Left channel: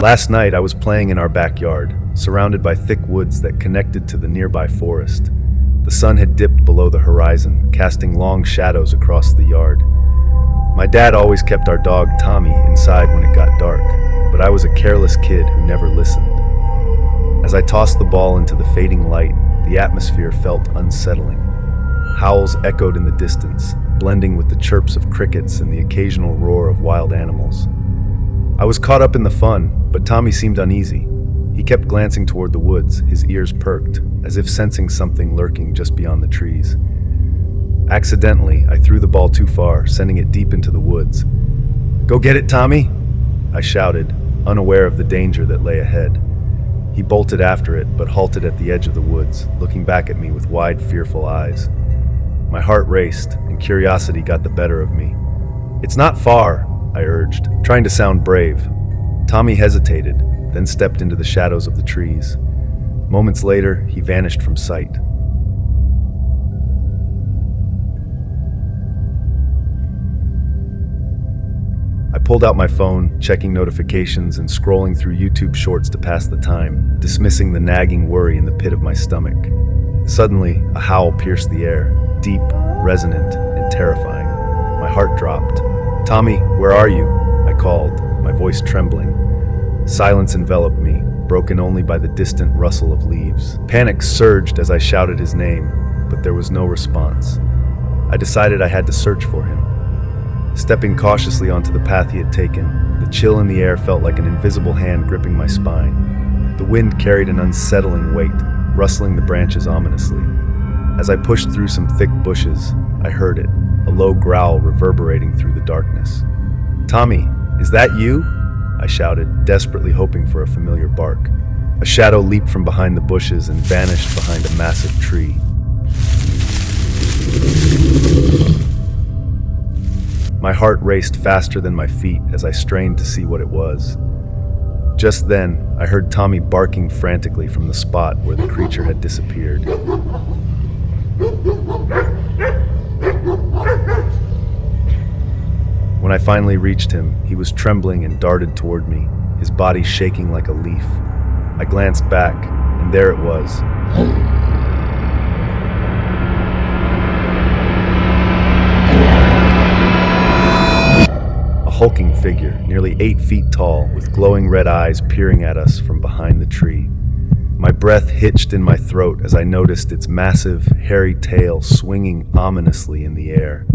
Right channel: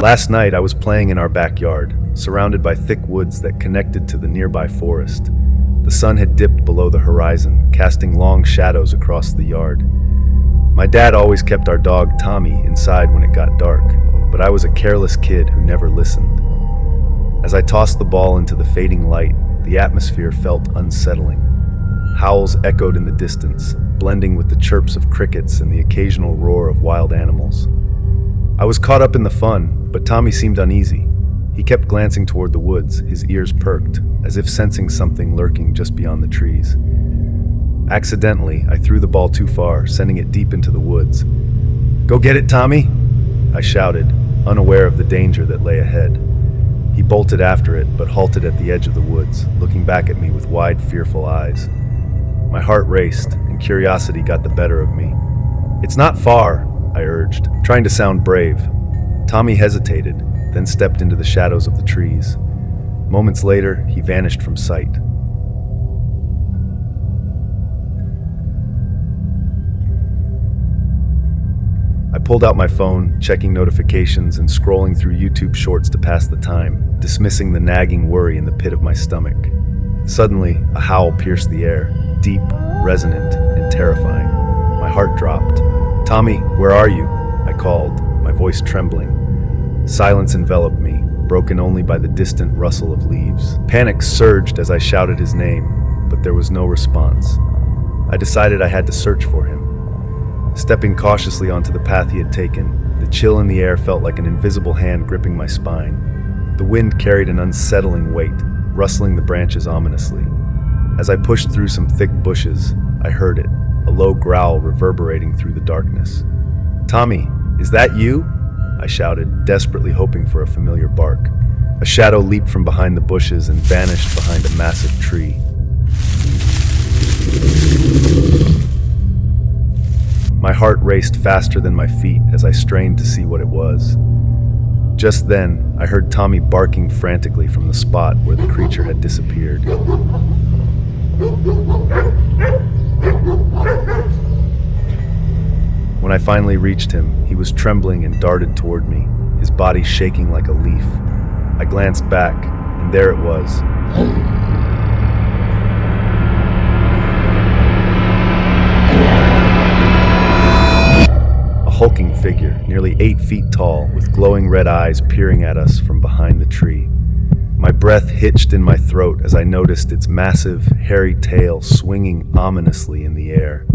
Last night, I was playing in our backyard, surrounded by thick woods that connected to the nearby forest. The sun had dipped below the horizon, casting long shadows across the yard. My dad always kept our dog, Tommy, inside when it got dark, but I was a careless kid who never listened. As I tossed the ball into the fading light, the atmosphere felt unsettling. Howls echoed in the distance, blending with the chirps of crickets and the occasional roar of wild animals. I was caught up in the fun, but Tommy seemed uneasy. He kept glancing toward the woods, his ears perked, as if sensing something lurking just beyond the trees. Accidentally, I threw the ball too far, sending it deep into the woods. "Go get it, Tommy!" I shouted, unaware of the danger that lay ahead. He bolted after it, but halted at the edge of the woods, looking back at me with wide, fearful eyes. My heart raced, and curiosity got the better of me. "It's not far," I urged, trying to sound brave. Tommy hesitated, then stepped into the shadows of the trees. Moments later, he vanished from sight. I pulled out my phone, checking notifications and scrolling through YouTube shorts to pass the time, dismissing the nagging worry in the pit of my stomach. Suddenly, a howl pierced the air, deep, resonant, and terrifying. My heart dropped. "Tommy, where are you?" I called, my voice trembling. Silence enveloped me, broken only by the distant rustle of leaves. Panic surged as I shouted his name, but there was no response. I decided I had to search for him. Stepping cautiously onto the path he had taken, the chill in the air felt like an invisible hand gripping my spine. The wind carried an unsettling weight, rustling the branches ominously. As I pushed through some thick bushes, I heard it, a low growl reverberating through the darkness. "Tommy, is that you?" I shouted, desperately hoping for a familiar bark. A shadow leaped from behind the bushes and vanished behind a massive tree. My heart raced faster than my feet as I strained to see what it was. Just then, I heard Tommy barking frantically from the spot where the creature had disappeared. When I finally reached him, he was trembling and darted toward me, his body shaking like a leaf. I glanced back, and there it was. A hulking figure, nearly 8 feet tall, with glowing red eyes peering at us from behind the tree. My breath hitched in my throat as I noticed its massive, hairy tail swinging ominously in the air.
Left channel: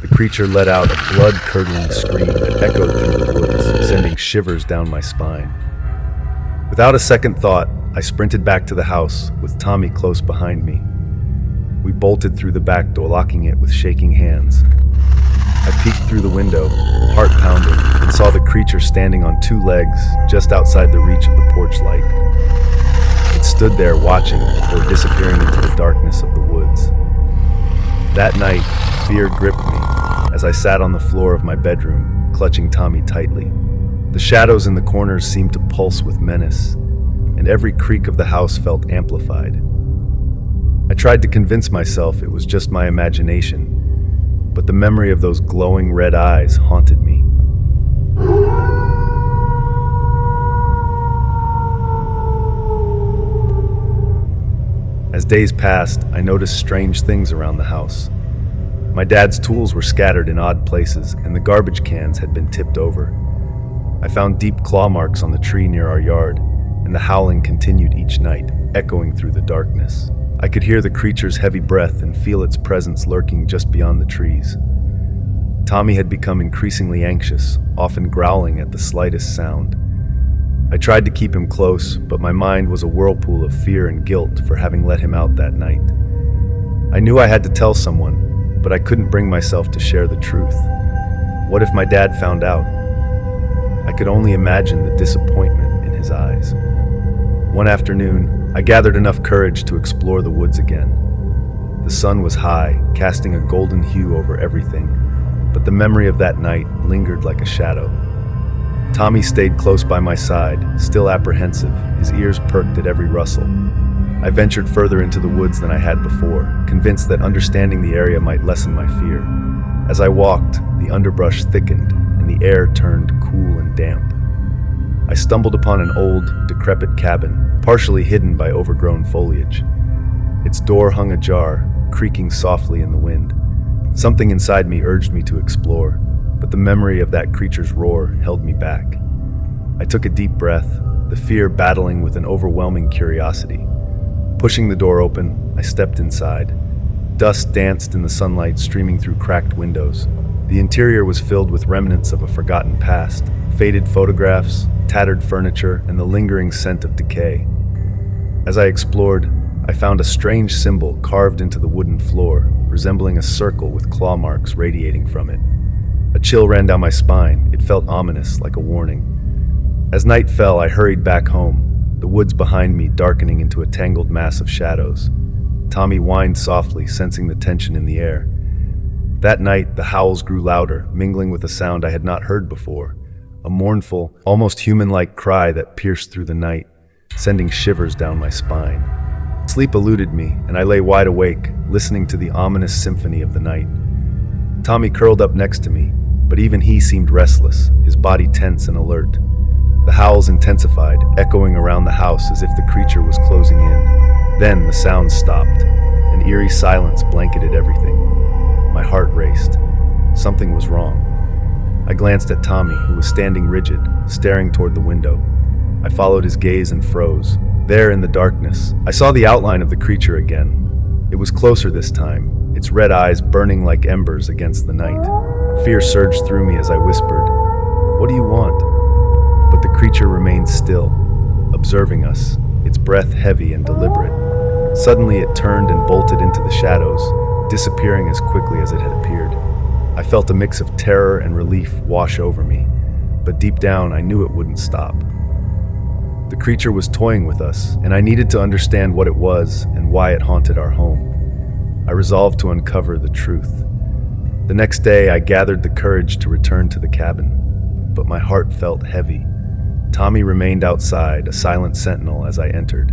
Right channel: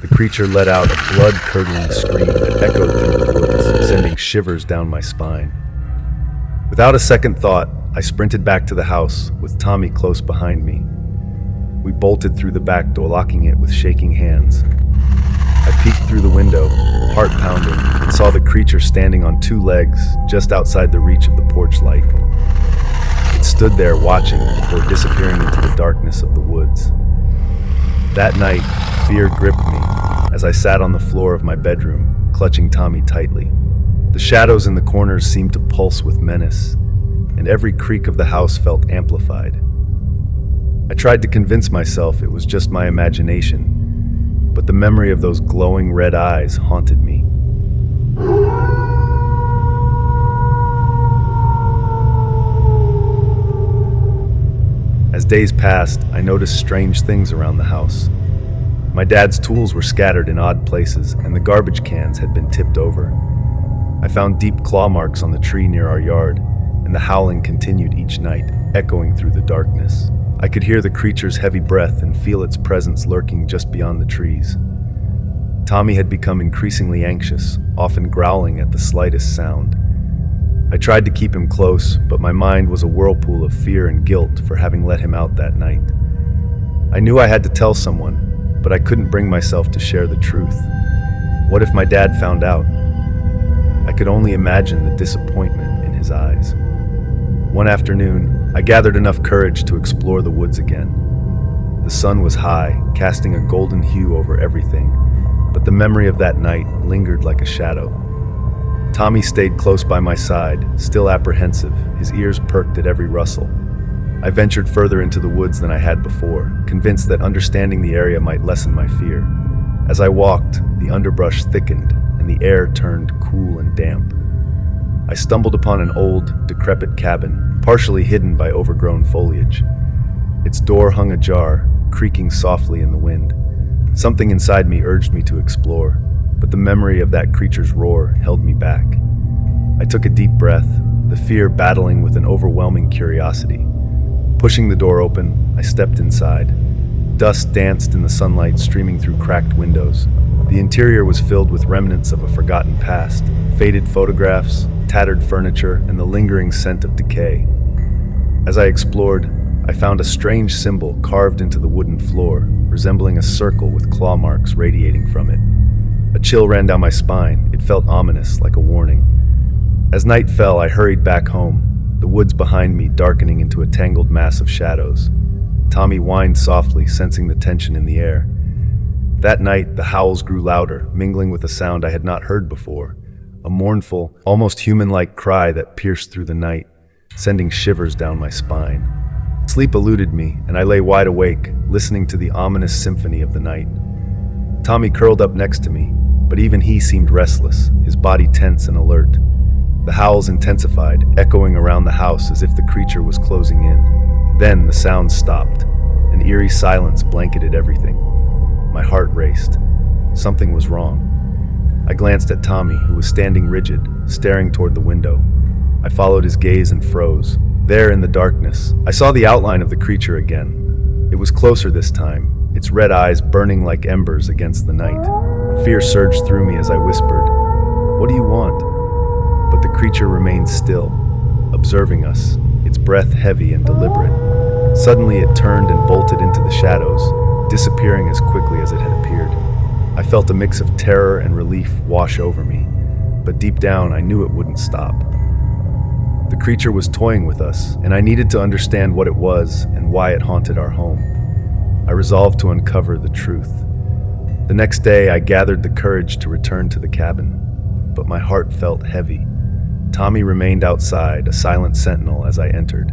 The creature let out a blood-curdling scream that echoed through the woods, sending shivers down my spine. Without a second thought, I sprinted back to the house, with Tommy close behind me. We bolted through the back door, locking it with shaking hands. I peeked through the window, heart pounding, and saw the creature standing on 2 legs just outside the reach of the porch light. It stood there watching before disappearing into the darkness of the woods. That night, fear gripped me as I sat on the floor of my bedroom, clutching Tommy tightly. The shadows in the corners seemed to pulse with menace, and every creak of the house felt amplified. I tried to convince myself it was just my imagination, but the memory of those glowing red eyes haunted me. As days passed, I noticed strange things around the house. My dad's tools were scattered in odd places, and the garbage cans had been tipped over. I found deep claw marks on the tree near our yard, and the howling continued each night, echoing through the darkness. I could hear the creature's heavy breath and feel its presence lurking just beyond the trees. Tommy had become increasingly anxious, often growling at the slightest sound. I tried to keep him close, but my mind was a whirlpool of fear and guilt for having let him out that night. I knew I had to tell someone, but I couldn't bring myself to share the truth. What if my dad found out? I could only imagine the disappointment in his eyes. One afternoon, I gathered enough courage to explore the woods again. The sun was high, casting a golden hue over everything, but the memory of that night lingered like a shadow. Tommy stayed close by my side, still apprehensive, his ears perked at every rustle. I ventured further into the woods than I had before, convinced that understanding the area might lessen my fear. As I walked, the underbrush thickened, and the air turned cool and damp. I stumbled upon an old, decrepit cabin, partially hidden by overgrown foliage. Its door hung ajar, creaking softly in the wind. Something inside me urged me to explore, but the memory of that creature's roar held me back. I took a deep breath, the fear battling with an overwhelming curiosity. Pushing the door open, I stepped inside. Dust danced in the sunlight streaming through cracked windows. The interior was filled with remnants of a forgotten past, faded photographs, tattered furniture, and the lingering scent of decay. As I explored, I found a strange symbol carved into the wooden floor, resembling a circle with claw marks radiating from it. A chill ran down my spine. It felt ominous, like a warning. As night fell, I hurried back home, the woods behind me darkening into a tangled mass of shadows. Tommy whined softly, sensing the tension in the air. That night, the howls grew louder, mingling with a sound I had not heard before, a mournful, almost human-like cry that pierced through the night, sending shivers down my spine. Sleep eluded me, and I lay wide awake, listening to the ominous symphony of the night. Tommy curled up next to me, but even he seemed restless, his body tense and alert. The howls intensified, echoing around the house as if the creature was closing in. Then the sounds stopped. An eerie silence blanketed everything. My heart raced. Something was wrong. I glanced at Tommy, who was standing rigid, staring toward the window. I followed his gaze and froze. There in the darkness, I saw the outline of the creature again. It was closer this time, its red eyes burning like embers against the night. Fear surged through me as I whispered, "What do you want?" But the creature remained still, observing us, its breath heavy and deliberate. Suddenly it turned and bolted into the shadows, disappearing as quickly as it had appeared. I felt a mix of terror and relief wash over me, but deep down I knew it wouldn't stop. The creature was toying with us, and I needed to understand what it was and why it haunted our home. I resolved to uncover the truth. The next day I gathered the courage to return to the cabin, but my heart felt heavy. Tommy remained outside, a silent sentinel as I entered.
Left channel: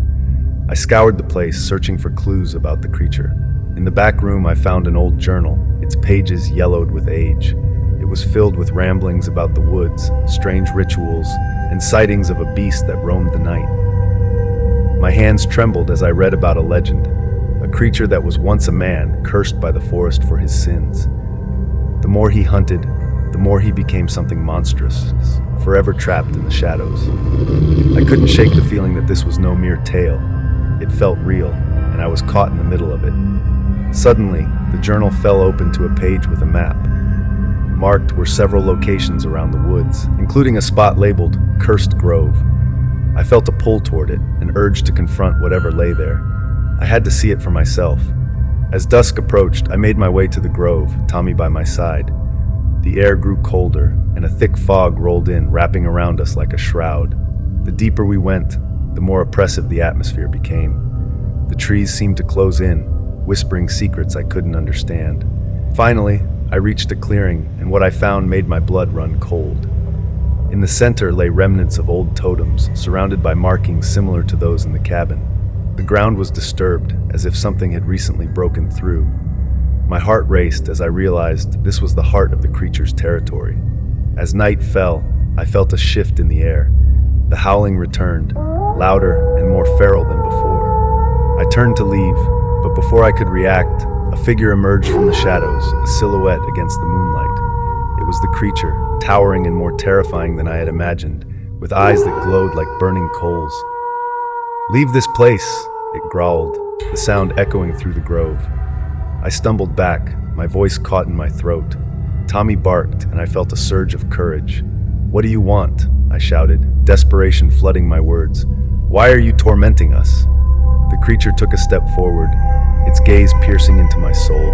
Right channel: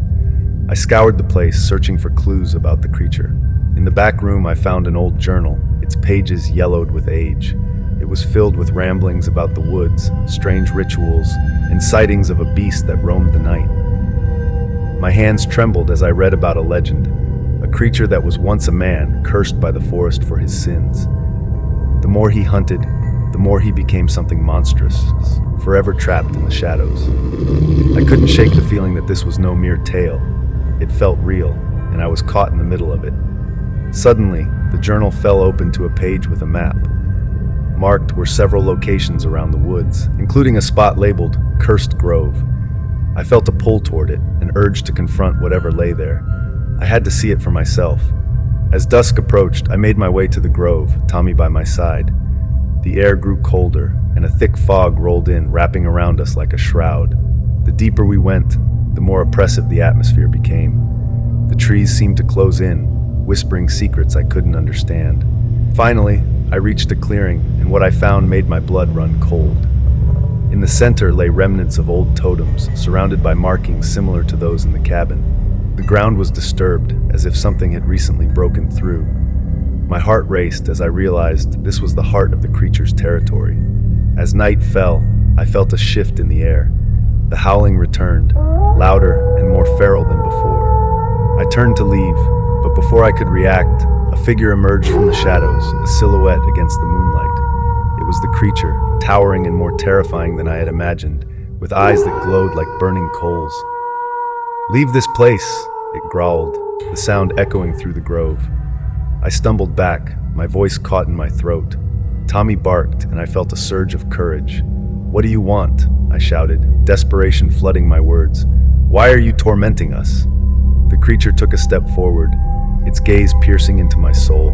I scoured the place, searching for clues about the creature. In the back room I found an old journal, its pages yellowed with age. It was filled with ramblings about the woods, strange rituals, and sightings of a beast that roamed the night. My hands trembled as I read about a legend, a creature that was once a man, cursed by the forest for his sins. The more he hunted, the more he became something monstrous, forever trapped in the shadows. I couldn't shake the feeling that this was no mere tale. It felt real, and I was caught in the middle of it. Suddenly, the journal fell open to a page with a map. Marked were several locations around the woods, including a spot labeled Cursed Grove. I felt a pull toward it, an urge to confront whatever lay there. I had to see it for myself. As dusk approached, I made my way to the grove, Tommy by my side. The air grew colder, and a thick fog rolled in, wrapping around us like a shroud. The deeper we went, the more oppressive the atmosphere became. The trees seemed to close in, whispering secrets I couldn't understand. Finally, I reached a clearing, and what I found made my blood run cold. In the center lay remnants of old totems, surrounded by markings similar to those in the cabin. The ground was disturbed, as if something had recently broken through. My heart raced as I realized this was the heart of the creature's territory. As night fell, I felt a shift in the air. The howling returned, louder and more feral than before. I turned to leave, but before I could react, a figure emerged from the shadows, a silhouette against the moonlight. It was the creature, towering and more terrifying than I had imagined, with eyes that glowed like burning coals. "Leave this place," it growled, the sound echoing through the grove. I stumbled back, my voice caught in my throat. Tommy barked, and I felt a surge of courage. "What do you want?" I shouted, desperation flooding my words. "Why are you tormenting us?" The creature took a step forward, its gaze piercing into my soul.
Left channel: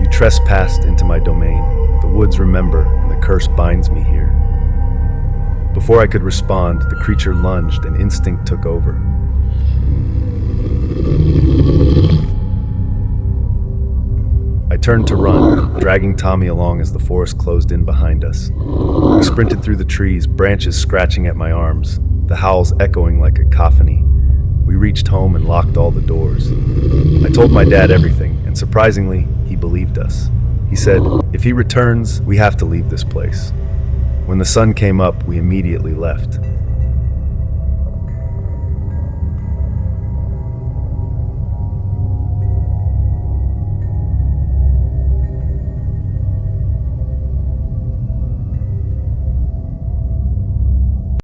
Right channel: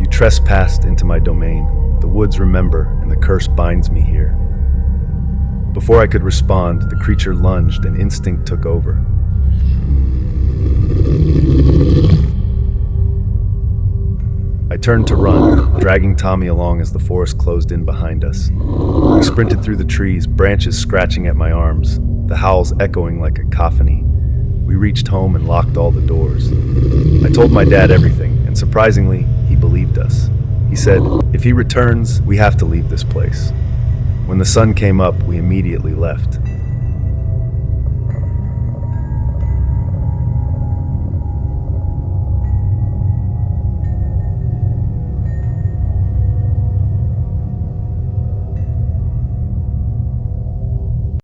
"You trespassed into my domain. The woods remember, and the curse binds me here." Before I could respond, the creature lunged, and instinct took over. I turned to run, dragging Tommy along as the forest closed in behind us. We sprinted through the trees, branches scratching at my arms, the howls echoing like a cacophony. We reached home and locked all the doors. I told my dad everything, and surprisingly, he believed us. He said, "If he returns, we have to leave this place." When the sun came up, we immediately left.